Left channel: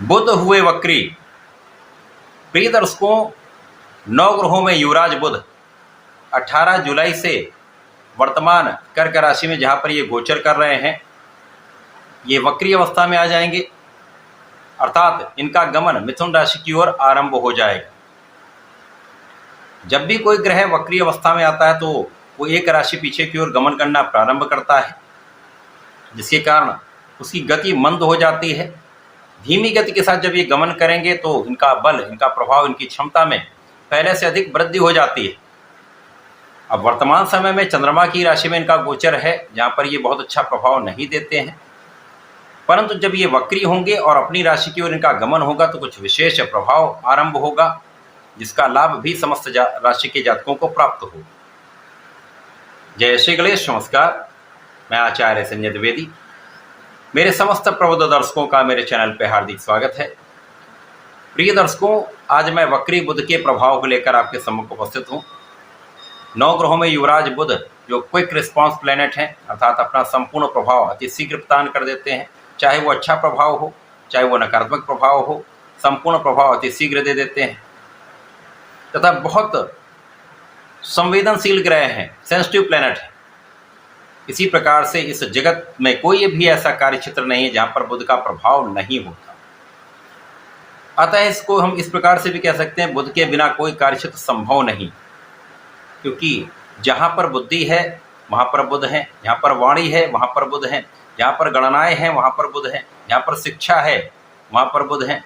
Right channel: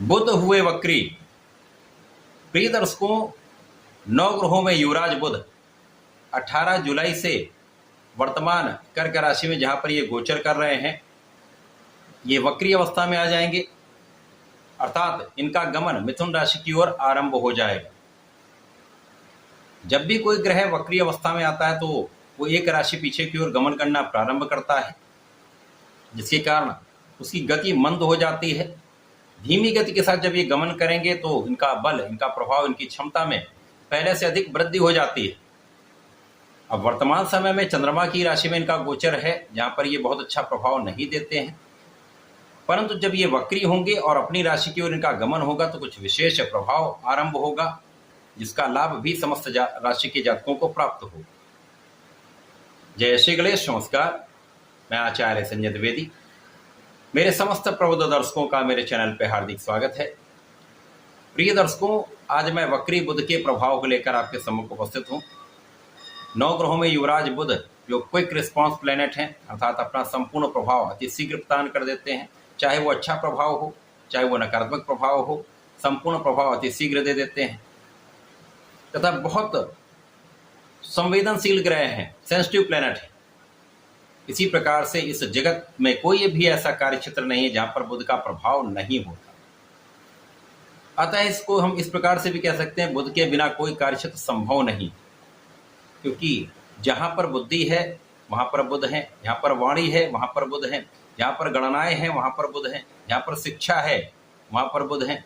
बुध हुए वक्री। प्रिय दर्शकों, नवग्रहों में युवराज बुध 18 जुलाई से वर्तमान कर्क राशि में जहां पर ये गोचर कर रहे हैं, ये वक्री अवस्था में आ जाएंगे, अर्थात इनका गमन मिथुन राशि की ओर आरंभ हो जाएगा। जब भी कोई ग्रह वक्री अवस्था में आता है तो वो एक राशि पीछे की ओर गमन करना प्रारंभ करता है, जिसके कारण उसकी गति मंद हो जाती है। धीमी गति के साथ जब ये गमन करेंगे तो इनका बल, इनका प्रभाव, इनकी क्षमता में पहले से अधिक वृद्धि हो जाती है। अब वर्तमान समय में चंद्रमा की राशि में इनका गोचर है, जहाँ पर ये बहुत अच्छा प्रभाव नहीं देते हैं, परंतु जब ये वक्री होंगे और अपनी राशि की ओर इनका गमन होगा तो कुछ विशेष प्रभाव आरंभ होगा, जिसका लाभ भी समस्त राशि के जातकों को प्राप्त हो। जय श्री गणेश। नमस्कार, मैं आचार्य संजय द्विवेदी। मेरे समस्त प्रबुद्ध दर्शकों का मेरे चैनल पर हार्दिक स्वागत है। प्रिय दर्शकों, आज मैं वक्री बुध के प्रभाव को लेकर आपके सम्मुख उपस्थित हूँ। नौ ग्रहों में युवराज बुध जो क्विक रिस्पांस प्लैनेट हैं, अर्थात अपना संपूर्ण प्रभाव अति शीघ्र प्रदान कर देते हैं। चाहे वो अच्छा प्रभाव हो, चाहे वो नकारात्मक प्रभाव हो, संपूर्ण प्रभाव अति शीघ्र दे देते हैं तथा बहुत संवेदनशील ग्रह हैं, सेंसिटिव प्लैनेट है। इसी प्रकार से इस जगत में कोई भी ऐसा कार्य क्षेत्र नहीं है जहां पर बुध का प्रभाव नहीं होता। अतः इसको हम इस प्रकार से भी कह सकते हैं, बुध के बिना कोई कार्य क्षेत्र संभव नहीं, क्योंकि जहां पर बुद्धि है वहां पर बुध है, जहां पर वाणी है वहां पर बुध है, जहां पर गणनाएं हैं वहां पर बुध है, जहां पर शिक्षा है वहां पर बुध है,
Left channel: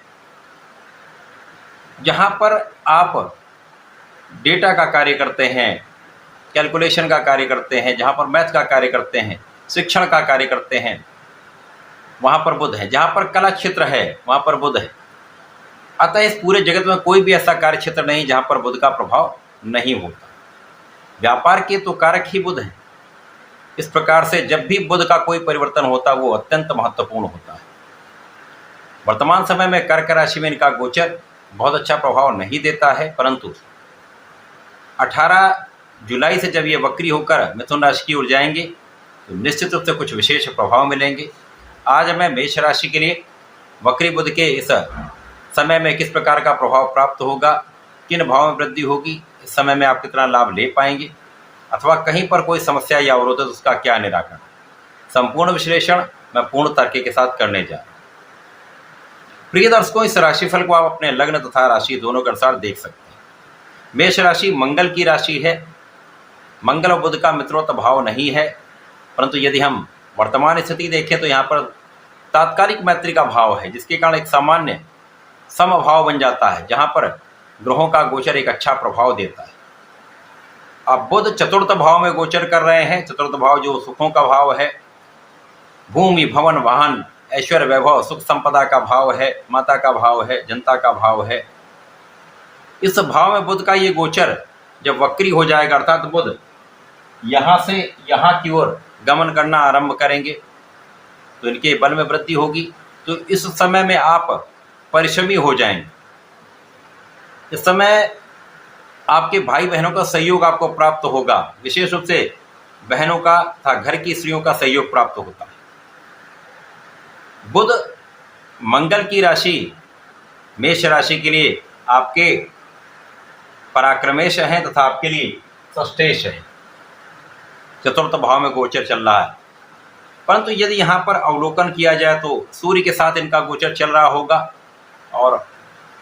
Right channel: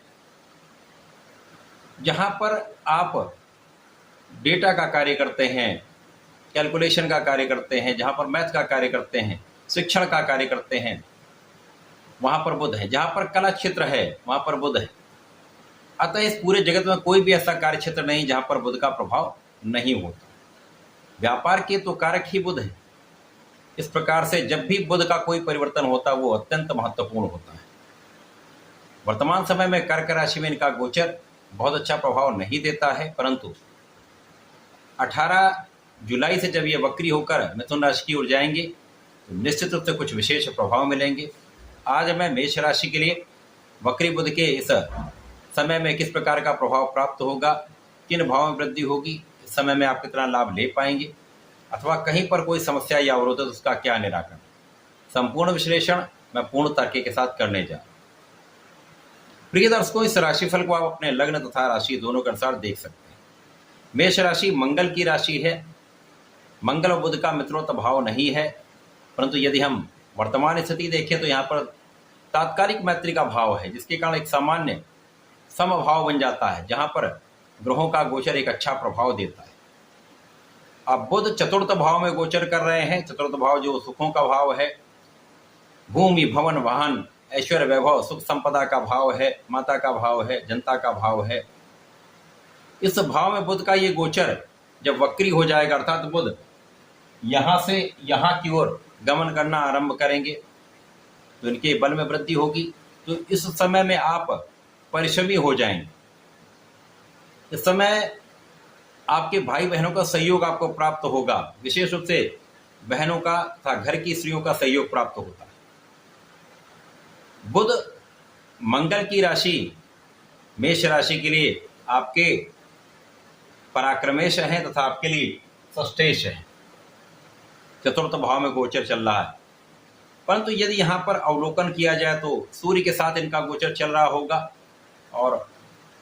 जहां पर आप डेटा का कार्य करते हैं, कैलकुलेशन का कार्य करते हैं, जहां पर मैथ का कार्य करते हैं, शिक्षण का कार्य करते हैं, वहां पर बुध है। जहां पर कला क्षेत्र है वहां पर बुध है। अतः इस पूरे जगत में कोई भी ऐसा कार्य क्षेत्र नहीं जहां पर बुध का प्रभाव नहीं होता। व्यापार के तो कारक ही बुध है। इस प्रकार से जब भी बुध का कोई परिवर्तन होता वो अत्यंत महत्वपूर्ण होता है। वर्तमान समय में कर्क राशि में इनका गोचर बहुत अच्छा प्रभाव नहीं देता है, परंतु 18 जुलाई से जब ये वक्री होकर मिथुन राशि की ओर जाएंगे तो निश्चित रूप से कुछ विशेष प्रभाव मिलेंगे। आज मैं मेष राशि के लिए वक्री बुध के इस समय में किस प्रकार का प्रभाव प्राप्त होगा, किन भावों में वृद्धि होगी, इस समय में आप कितना लाभ ले पाएंगे, अथवा कहीं पर कोई समस्या या अवरोध है तो उसका क्या निराकरण, संपूर्ण विश्लेषण मैं पूर्ण तर्क के साथ करने जा रहा हूं। प्रिय दर्शकों, इस राशिफल को आप अपने लग्न तथा राशि दोनों के अनुसार देख सकते हैं। मेष राशि मंगल की राशि है। मंगल और बुध का मित्रोत भाव नहीं है, परंतु यदि हम वर्तमान स्थिति देखें तो यहाँ पर तात्कालिक मैत्री का भाव है, जिसके कारण एक सामान्य समभाव बन जाता है, जहाँ पर ग्रहों का गोचर एक अच्छा प्रभाव देता है। अब बुध चतुर्थ भाव में गोचर कर रहे हैं। चतुर्थ भाव जो सुखों का भाव है, भूमि, भवन, वाहन, ऐश्वर्य, वैभव, सुख संपदा का भाव है, माता का भाव है, जनता का भाव है। इस भाव में बुध का ये गोचर जब वक्री हो जाएगा, अर्थात बुध यहाँ से यहाँ की ओर गमन करना आरंभ करेंगे तो इनके बल में वृद्धि होगी। तो इस समय में आप परिश्रमी हो जाएंगे। इस समय आपके भाई बहनों का सहयोग आपको प्राप्त होगा, विशेष रूप से बहनों का तथा घर की स्त्रियों का सहयोग प्राप्त होता है। बुध मंगल की राशि मेष राशि के लिए आपके पराक्रमेश हैं तथा आपके लिए षष्ठेश है। चतुर्थ भाव में गोचर चल रहा है, परंतु यदि यहाँ पर अवलोकन किया जाए तो सूर्य के साथ इनका गोचर चल रहा होगा और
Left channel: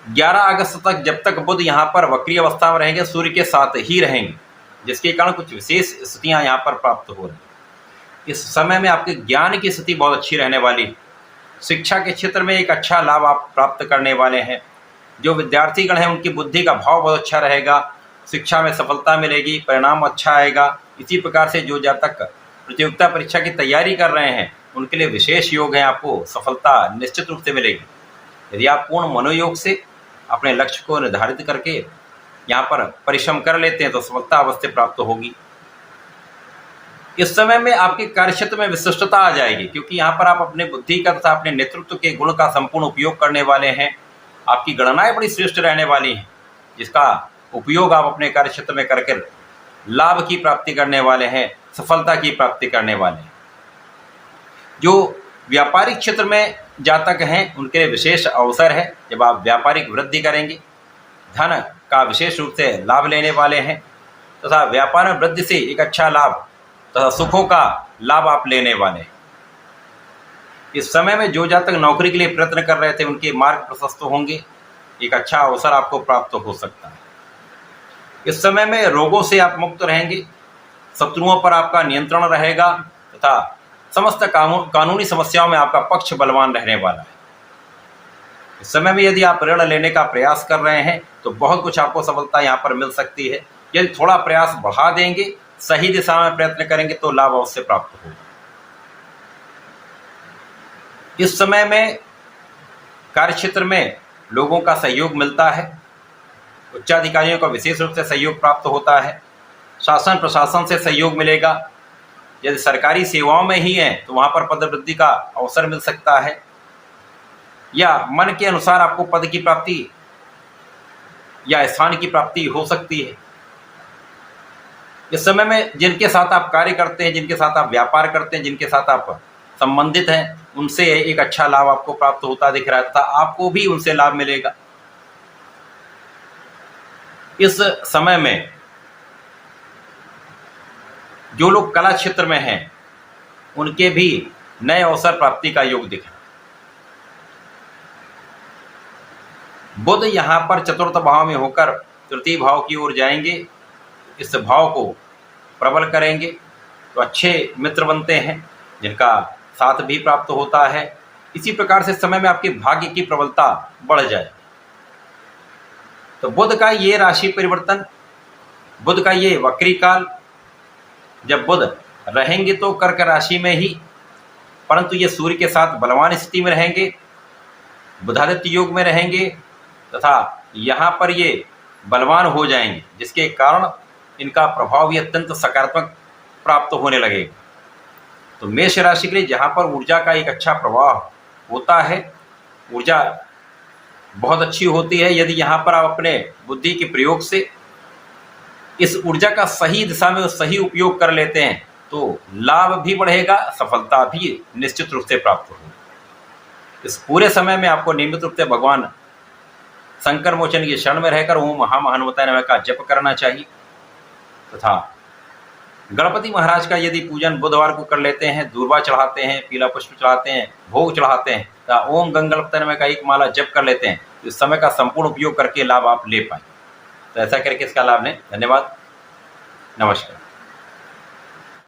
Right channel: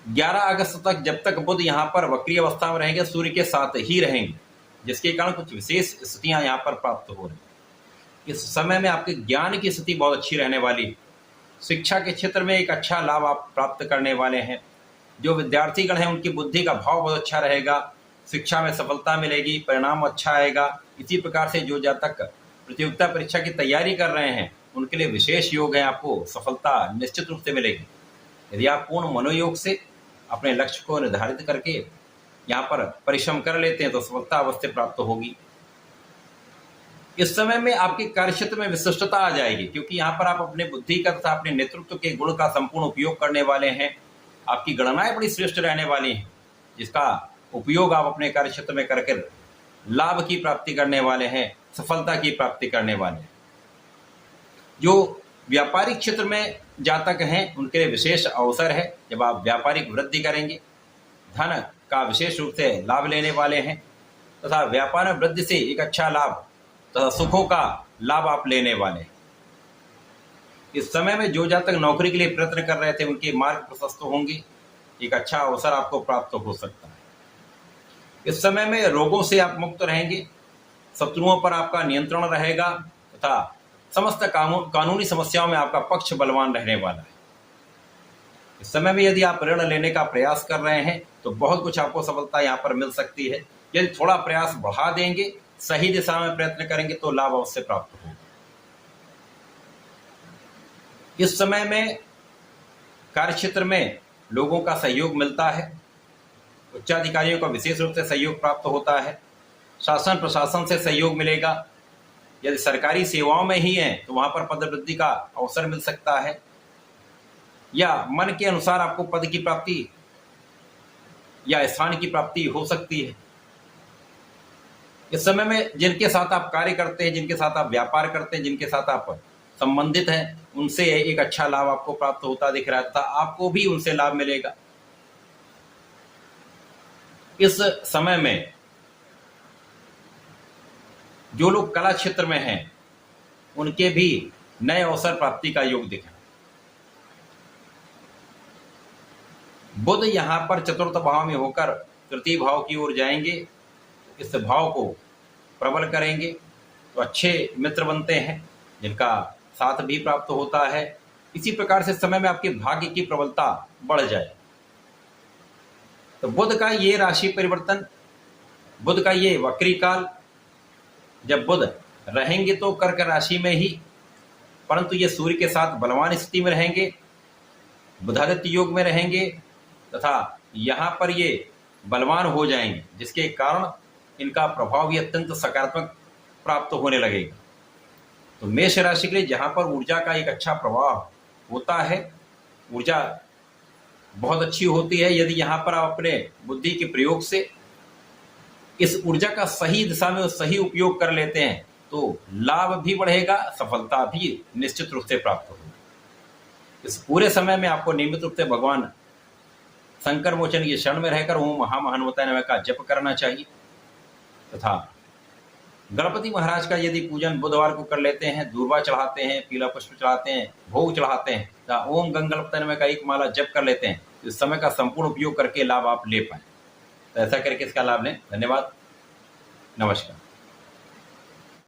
11 अगस्त तक जब तक बुध यहाँ पर वक्री अवस्था में रहेंगे सूर्य के साथ ही रहेंगे, जिसके कारण कुछ विशेष स्थितियाँ यहाँ पर प्राप्त हो रही। इस समय में आपके ज्ञान की स्थिति बहुत अच्छी रहने वाली, शिक्षा के क्षेत्र में एक अच्छा लाभ आप प्राप्त करने वाले हैं। जो विद्यार्थीगण हैं उनकी बुद्धि का भाव बहुत अच्छा रहेगा, शिक्षा में सफलता मिलेगी, परिणाम अच्छा आएगा। इसी प्रकार से जो जातक प्रतियोगिता परीक्षा की तैयारी कर रहे हैं उनके लिए विशेष योग है, आपको सफलता निश्चित रूप से मिलेगी। यदि आप पूर्ण मनोयोग से अपने लक्ष्य को निर्धारित करके यहाँ पर परिश्रम कर लेते हैं तो सफलता अवश्य प्राप्त होगी। इस समय में आपके कार्यक्षेत्र में विशिष्टता आ जाएगी, क्योंकि यहाँ पर आप अपने बुद्धि का तथा अपने नेतृत्व के गुण का संपूर्ण उपयोग करने वाले हैं। आपकी गणनाएं बड़ी श्रेष्ठ रहने वाली हैं, जिसका उपयोग आप अपने कार्यक्षेत्र में करके लाभ की प्राप्ति करने वाले हैं, सफलता की प्राप्ति करने वाले हैं। जो व्यापारिक क्षेत्र में जातक हैं उनके लिए विशेष अवसर है जब आप व्यापारिक वृद्धि करेंगे, धन का विशेष रूप से लाभ लेने वाले हैं तथा व्यापार में वृद्धि से एक अच्छा लाभ तथा सुखों का लाभ आप लेने वाले हैं। इस समय में जो जातक नौकरी के लिए प्रयत्न कर रहे थे उनके मार्ग प्रशस्त होंगे, एक अच्छा अवसर आपको प्राप्त हो सकता है। इस समय में रोगों से आप मुक्त रहेंगे, शत्रुओं पर आपका नियंत्रण रहेगा तथा समस्त कानूनी समस्याओं में आपका पक्ष बलवान रहने वाला है। इस समय में यदि आप ऋण लेने का प्रयास कर रहे हैं तो बहुत कुछ आपको सफलता यहाँ पर मिल सकती है। यदि थोड़ा प्रयास बढ़ा देंगे, सही दिशा में प्रयत्न करेंगे तो लाभ अवश्य प्राप्त होगा। इस समय में कार्यक्षेत्र में लोगों का सहयोग मिलता है, उच्चाधिकारियों का विशेष रूप से सहयोग प्राप्त होता है, शासन प्रशासन से सहयोग मिलेगा। यदि सरकारी सेवाओं में ही हैं तो वहाँ पर पदवृद्धि का अवसर मिल सकता है या मन के अनुसार आपको पद की प्राप्ति या स्थान की प्राप्ति हो सकती है। इस समय में जिनके साथ आप कार्य करते हैं, जिनके साथ आप व्यापार करते हैं, जिनके साथ आप संबंधित हैं, उनसे एक अच्छा लाभ आपको प्राप्त होता दिख रहा था, आपको भी उनसे लाभ मिलेगा। इस समय में जो लोग कला क्षेत्र में हैं उनके भी नए अवसर प्राप्ति का योग दिख रहा है। बुध यहाँ पर चतुर्थ भाव में होकर तृतीय भाव की ओर जाएंगे, इस भाव को प्रबल करेंगे तो अच्छे मित्र बनते हैं जिनका साथ भी प्राप्त होता है। इसी प्रकार से समय में आपके भाग्य की प्रबलता बढ़ जाए। तो बुध का ये राशि परिवर्तन, बुध का ये वक्री काल, जब बुध रहेंगे तो कर्क राशि में ही, परंतु ये सूर्य के साथ बलवान स्थिति में रहेंगे, बुधादित्य योग में रहेंगे तथा यहाँ पर ये बलवान हो जाएंगे, जिसके कारण इनका प्रभाव भी अत्यंत सकारात्मक प्राप्त होने लगेगा। तो मेष राशि के लिए जहाँ पर ऊर्जा का एक अच्छा प्रवाह होता है, ऊर्जा बहुत अच्छी होती है, यदि यहाँ पर आप अपने बुद्धि के प्रयोग से इस ऊर्जा का सही दिशा में सही उपयोग कर लेते हैं तो लाभ भी बढ़ेगा, सफलता भी निश्चित रूप से प्राप्त होगी। इस पूरे समय में आपको नियमित रूप से भगवान शंकर मोचन की शरण में रहकर ओम महामहानुभावाय नमः का जप करना चाहिए तथा गणपति महाराज का यदि पूजन बुधवार को कर लेते हैं, दूर्वा चढ़ाते हैं, पीला पुष्प चढ़ाते हैं, भोग चढ़ाते हैं या ओम गंगणपतये नमः का एक माला जप कर लेते हैं, तो इस समय का संपूर्ण उपयोग करके लाभ आप ले पाएं। तो ऐसा करके इसका लाभ लें। धन्यवाद, नमस्कार।